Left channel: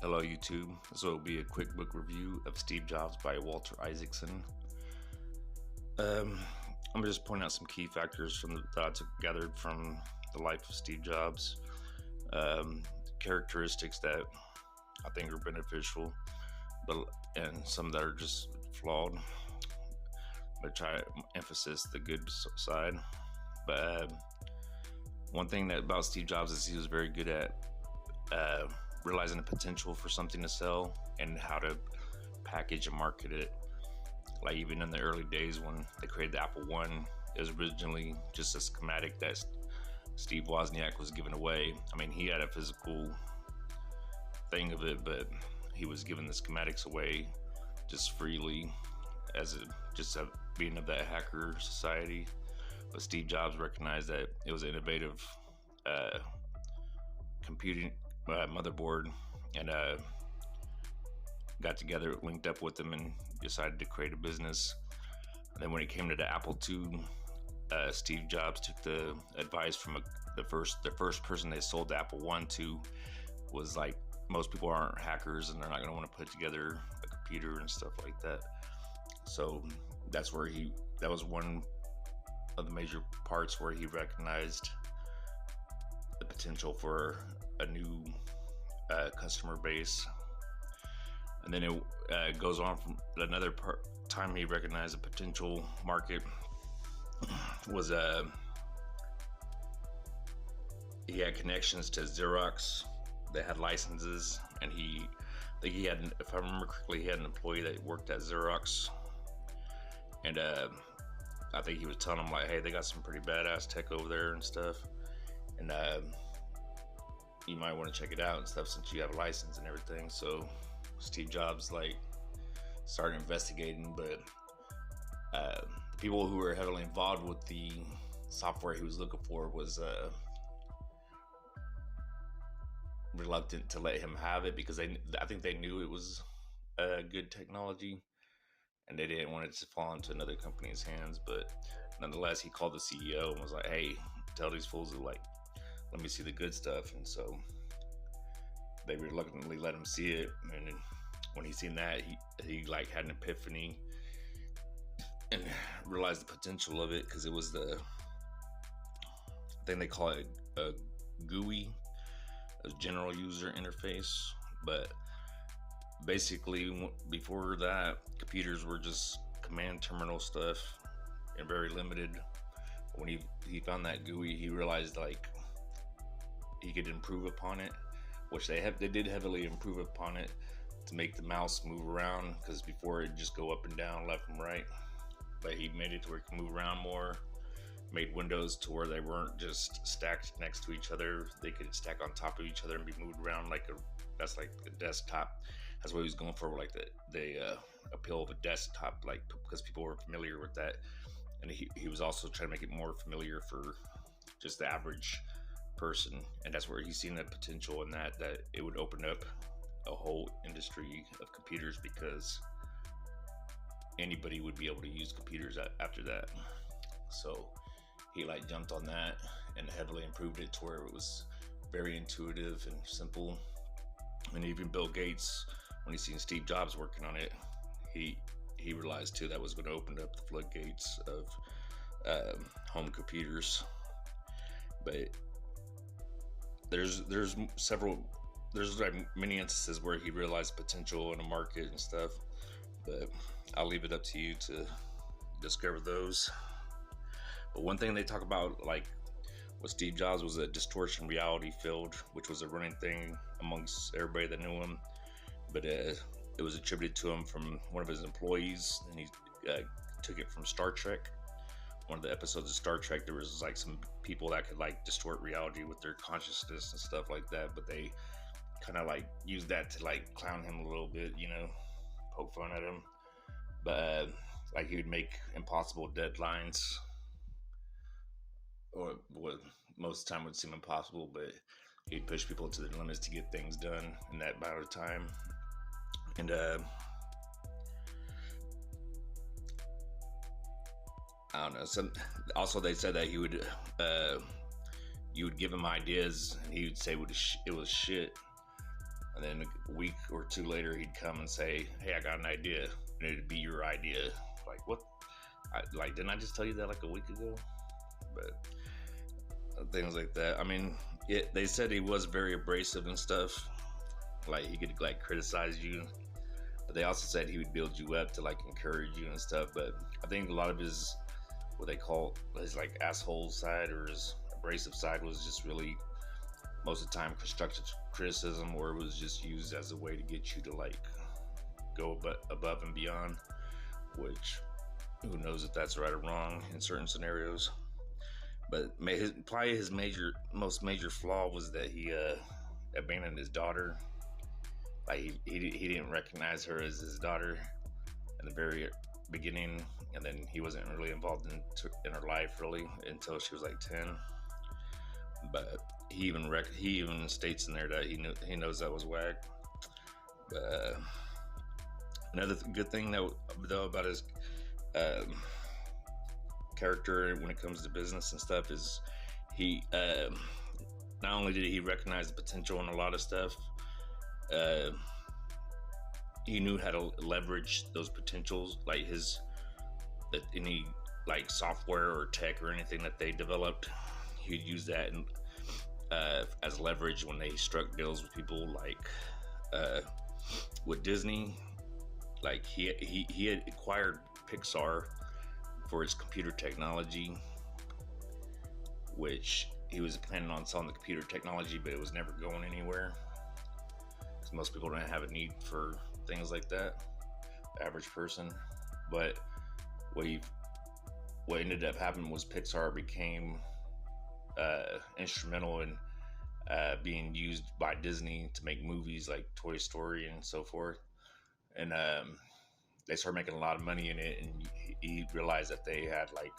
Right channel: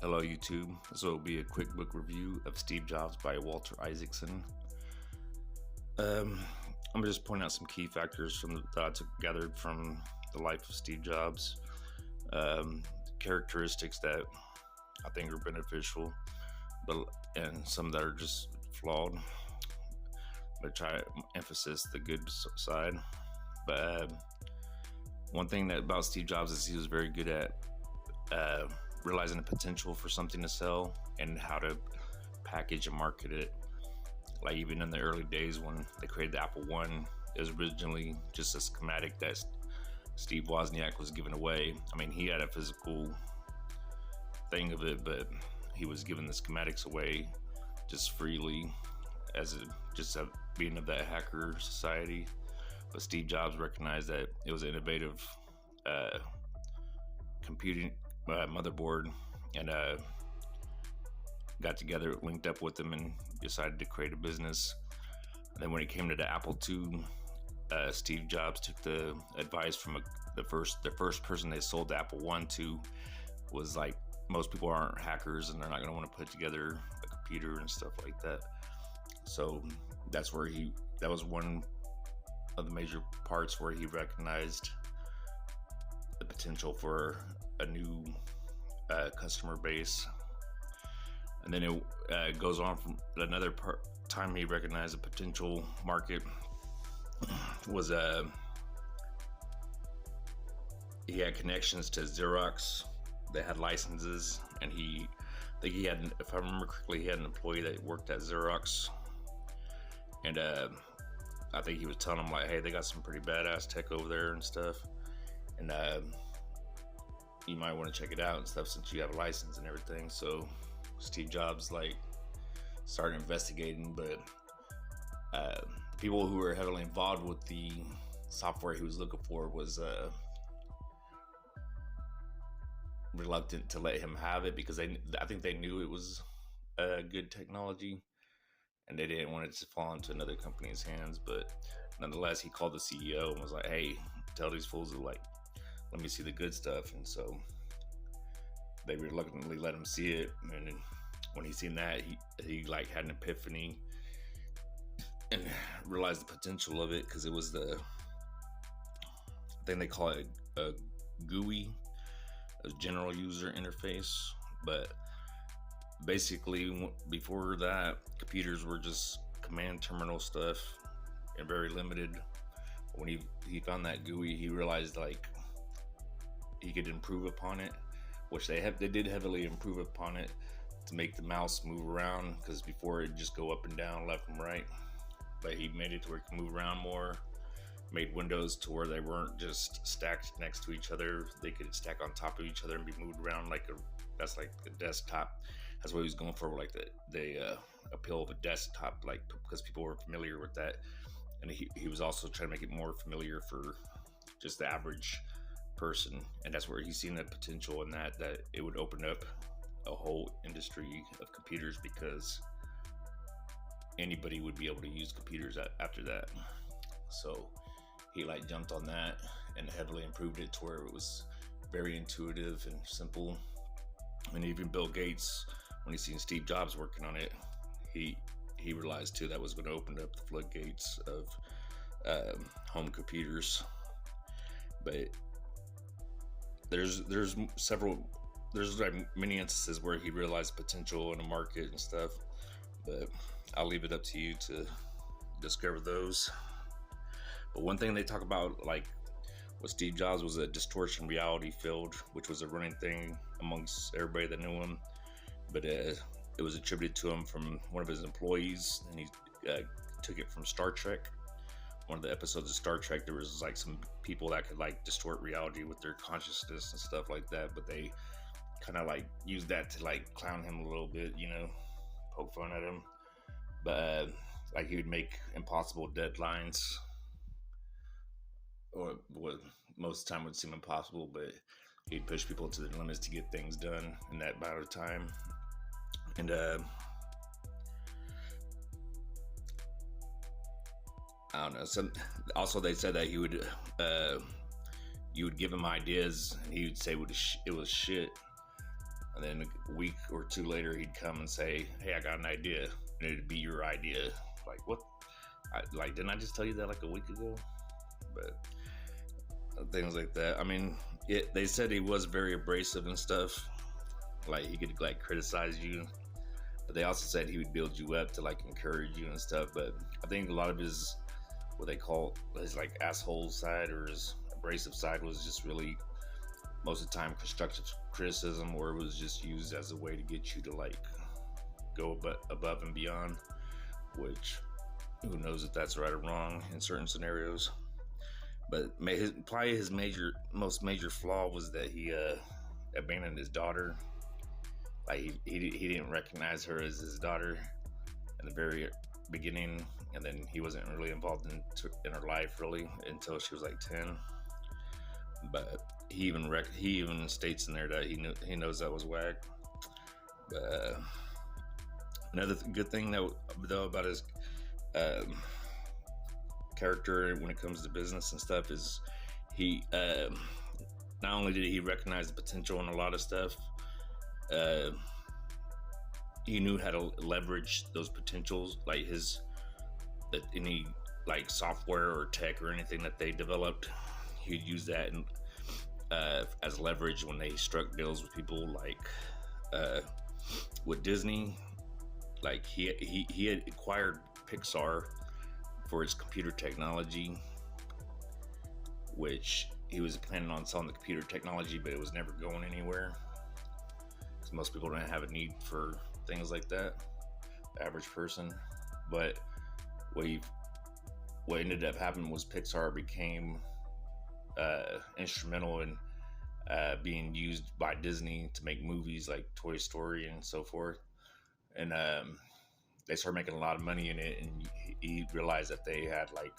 Hello YouTube, this will be a quick book review of Steve Jobs by Walter Isaacson. I'm just pointing out some key factors from the thoughts gathered from the life of Steve Jobs, characteristics that I think are beneficial, and some that are just flawed, but try to emphasize the good side. But one thing about Steve Jobs is he was very good at realizing the potential for something to sell and how to package and market it. Like even in the early days when they created the Apple I, it was originally just a schematic that Steve Wozniak was giving away. I mean, he had a physical thing of it, but he was giving the schematics away just freely as being of that hacker society. But Steve Jobs recognized that it was an innovative computing motherboard, and got together, linked up with them, and decided to create a business. And then when it came to the Apple II, Steve Jobs took the advice from the first person they sold the Apple I to. Was like, most people aren't hackers and they're not going to want to put together a computer and stuff like that. So that's where that was one of the major parts where he recognized the potential for a new customer base. And then it goes on from another time he recognized a potential market was he had connections to Xerox. They had licenses, and I think he had, if I remember correctly, he had an employee that worked at Xerox, and I think he was telling him like, hey, they got some pretty badass tech over there and stuff, and you might want to check it out and stuff since you have a license and everything. So Steve Jobs started investigating, but people who were heavily involved with the software he was looking for was reluctant to let him have it because I think they knew it was good technology and they didn't want it to fall into another company's hands. But nonetheless, he called the CEO and was like, hey, tell these fools to let me see the good stuff. And so they reluctantly let him see it. And when he seen that, he had an epiphany and realized the potential of it, because it was I think they call it a GUI, a general user interface. But basically, before that, computers were just command terminal stuff and very limited. When he found that GUI, he realized he could improve upon it, which they did heavily improve upon it to make the mouse move around, because before it'd just go up and down, left and right. But he made it to where it could move around more, made windows to where they weren't just stacked next to each other. They could stack on top of each other and be moved around that's like a desktop. That's what he was going for, like the appeal of a desktop, because people were familiar with that. And he was also trying to make it more familiar for just the average person, and that's where he's seen the potential in that it would open up a whole industry of computers, because anybody would be able to use computers after that. So he jumped on that and heavily improved it to where it was very intuitive and simple. And even Bill Gates, when he seen Steve Jobs working on it, he realized too that was going to open up the floodgates of home computers. But there's many instances where he realized potential in the market and stuff, but I'll leave it up to you to discover those. But one thing they talk about with Steve Jobs was a distortion reality field, which was a running thing amongst everybody that knew him. But it was attributed to him from one of his employees, and he took it from Star Trek. One of the episodes of Star Trek, there was some people that could distort reality with their consciousness and stuff like that, but they kind of used that to clown him a little bit, poke fun at him. But he would make impossible deadlines, or what most of the time would seem impossible, but he'd push people to the limits to get things done in that amount of time. And I don't know. Also, they said that he would you would give him ideas and he would say it was shit. And then a week or two later, he'd come and say, "Hey, I got an idea," and it'd be your idea. Like, what? Didn't I just tell you that like a week ago? But things like that. I mean, they said he was very abrasive and stuff. Like, he could like criticize you, but they also said he would build you up to like encourage you and stuff. But I think a lot of his, what they call his like asshole side or his abrasive side, was just really most of the time constructive criticism, or it was just used as a way to get you to like go above and beyond, which who knows if that's right or wrong in certain scenarios. But probably his most major flaw was that he abandoned his daughter. Like, he didn't recognize her as his daughter in the very beginning, and then he wasn't really involved in her life really until she was like 10. But he even states in there that he knows that was whack. But another good thing though about his character when it comes to business and stuff is he not only did he recognize the potential in a lot of stuff, he knew how to leverage those potentials, like any like software or tech or anything that they developed. He'd use that as leverage when they struck deals with people, like with Disney. Like, he had acquired Pixar for its computer technology, which he was planning on selling the computer technology, but it was never going anywhere. So most people don't have a need for things like that, the average person. But what ended up happening was Pixar became instrumental in being used by Disney to make movies like Toy Story and so forth. And they started making a lot of money in it, and he realized that they had like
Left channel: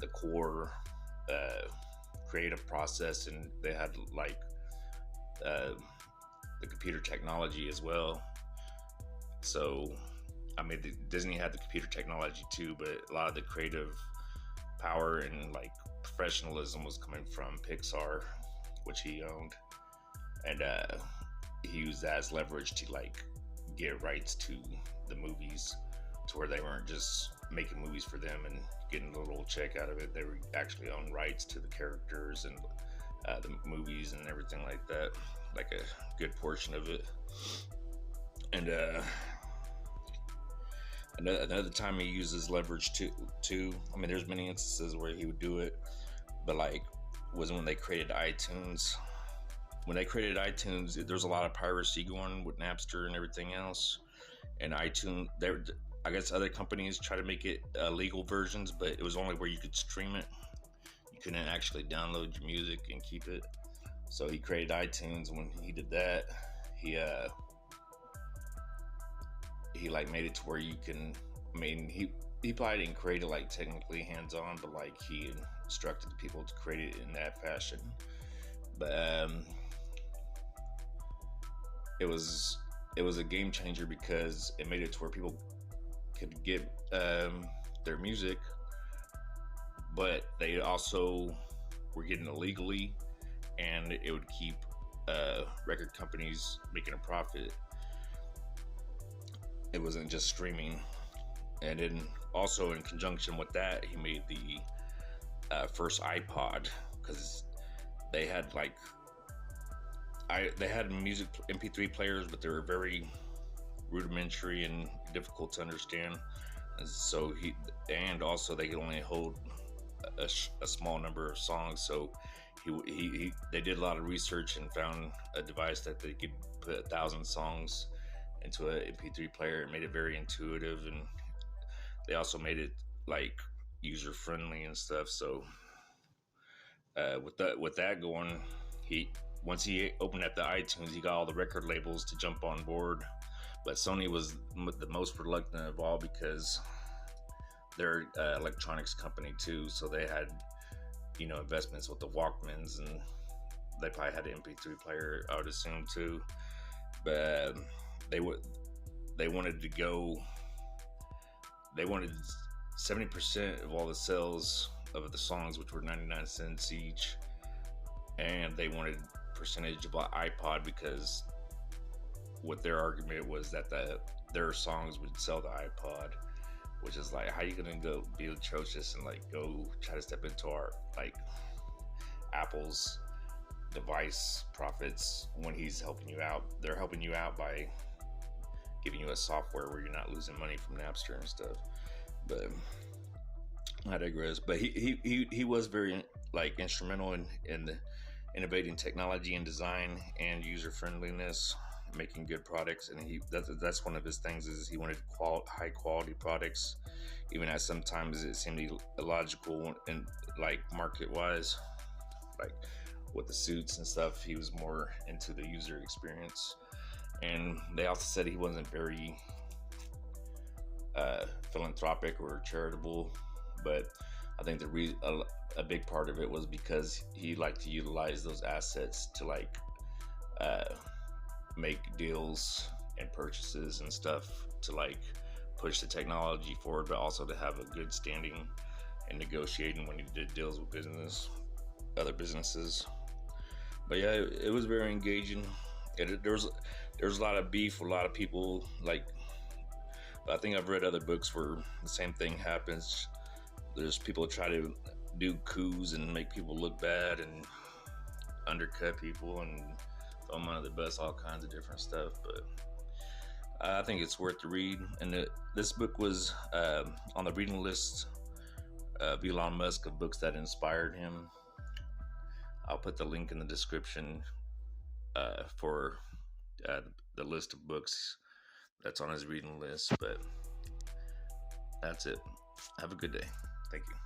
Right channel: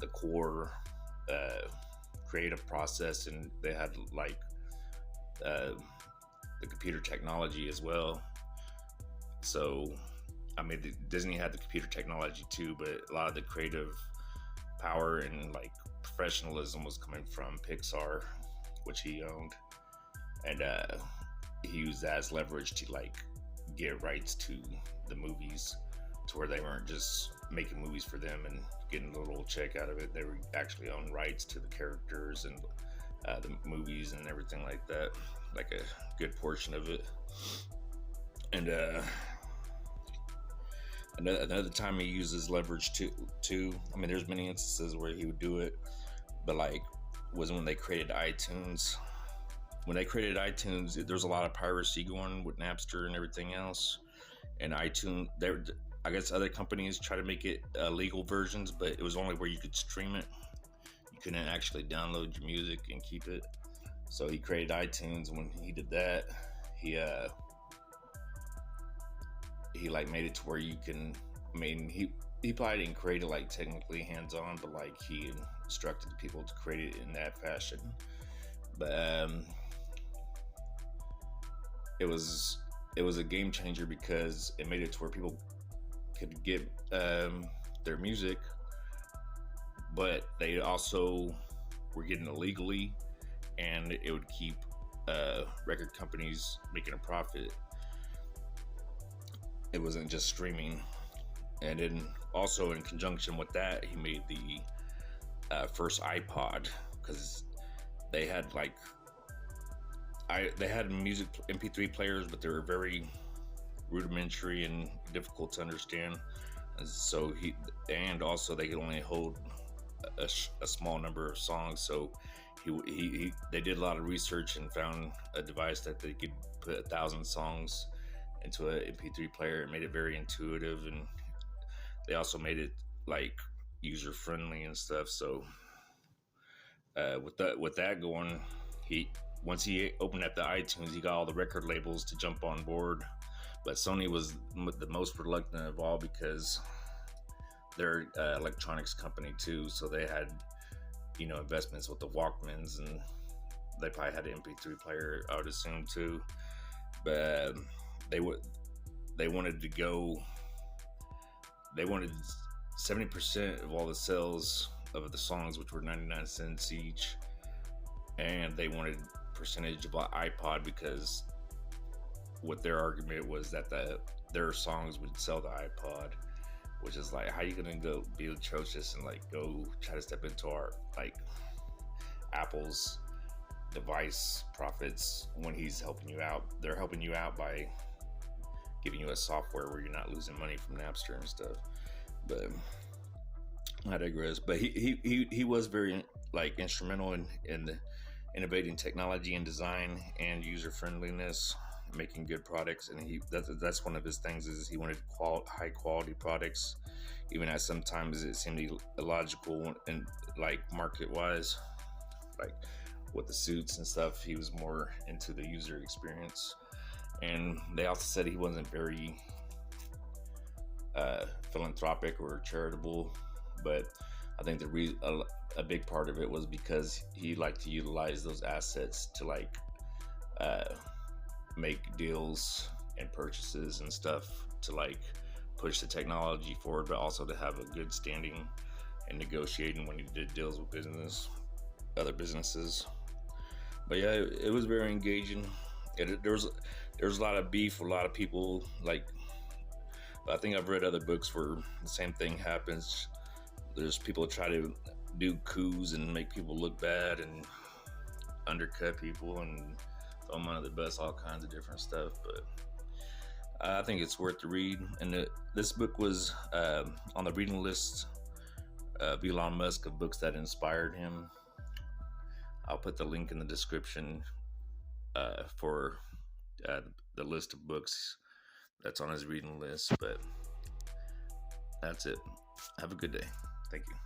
the core creative process, and they had like the computer technology as well. So, I mean, Disney had the computer technology too, but a lot of the creative power and like professionalism was coming from Pixar, which he owned, and he used that as leverage to like get rights to the movies, to where they weren't just making movies for them and getting a little check out of it. They were actually own rights to the characters and the movies and everything like that, like a good portion of it. And another time he uses leverage too. I mean, there's many instances where he would do it, but like was when they created iTunes. When they created iTunes, there's a lot of piracy going with Napster and everything else. And iTunes, I guess other companies try to make it legal versions, but it was only where you could stream it. You couldn't actually download your music and keep it. So he created iTunes. When he did that, he like made it to where you can. I mean, he probably didn't create it like technically hands-on, but like he instructed people to create it in that fashion. But it was a game changer because it made it to where people could get their music, but they also were getting it legally, and it would keep record companies making a profit. It wasn't just streaming. And then also in conjunction with that, he made the first iPod, because they had like they had music MP3 players, but they were very rudimentary and difficult to understand. And so and also they could only hold a small number of songs. So they did a lot of research and found a device that they could put 1,000 songs into an MP3 player. It made it very intuitive, and they also made it like user friendly and stuff. So with that going, once he opened up the iTunes, he got all the record labels to jump on board. But Sony was the most reluctant of all, because they're an electronics company too, so they had investments with the Walkmans, and they probably had an MP3 player, I would assume too. But they wanted to go. They wanted 70% of all the sales of the songs, which were 99 cents each, and they wanted percentage of iPod, because what their argument was that their songs would sell the iPod, which is like, how you gonna go be atrocious and like go try to step into our like Apple's device profits when he's helping you out? They're helping you out by giving you a software where you're not losing money from Napster and stuff. But I digress. But he was very like instrumental in innovating technology and design and user friendliness, making good products. And that's one of his things, is he wanted high quality products, even as sometimes it seemed illogical and like market wise, like with the suits and stuff. He was more into the user experience. And they also said he wasn't very philanthropic or charitable, but I think a big part of it was because he liked to utilize those assets to like make deals and purchases and stuff to like push the technology forward, but also to have a good standing and negotiating when he did deals with other businesses. But yeah, it was very engaging. There was a lot of beef, a lot of people like. I think I've read other books where the same thing happens. There's people try to do coups and make people look bad and undercut people and throw them under the bus, all kinds of different stuff. But I think it's worth to read. And this book was on the reading list of Elon Musk, of books that inspired him. I'll put the link in the description for the list of books that's on his reading list. But that's it. Have a good day. Thank you.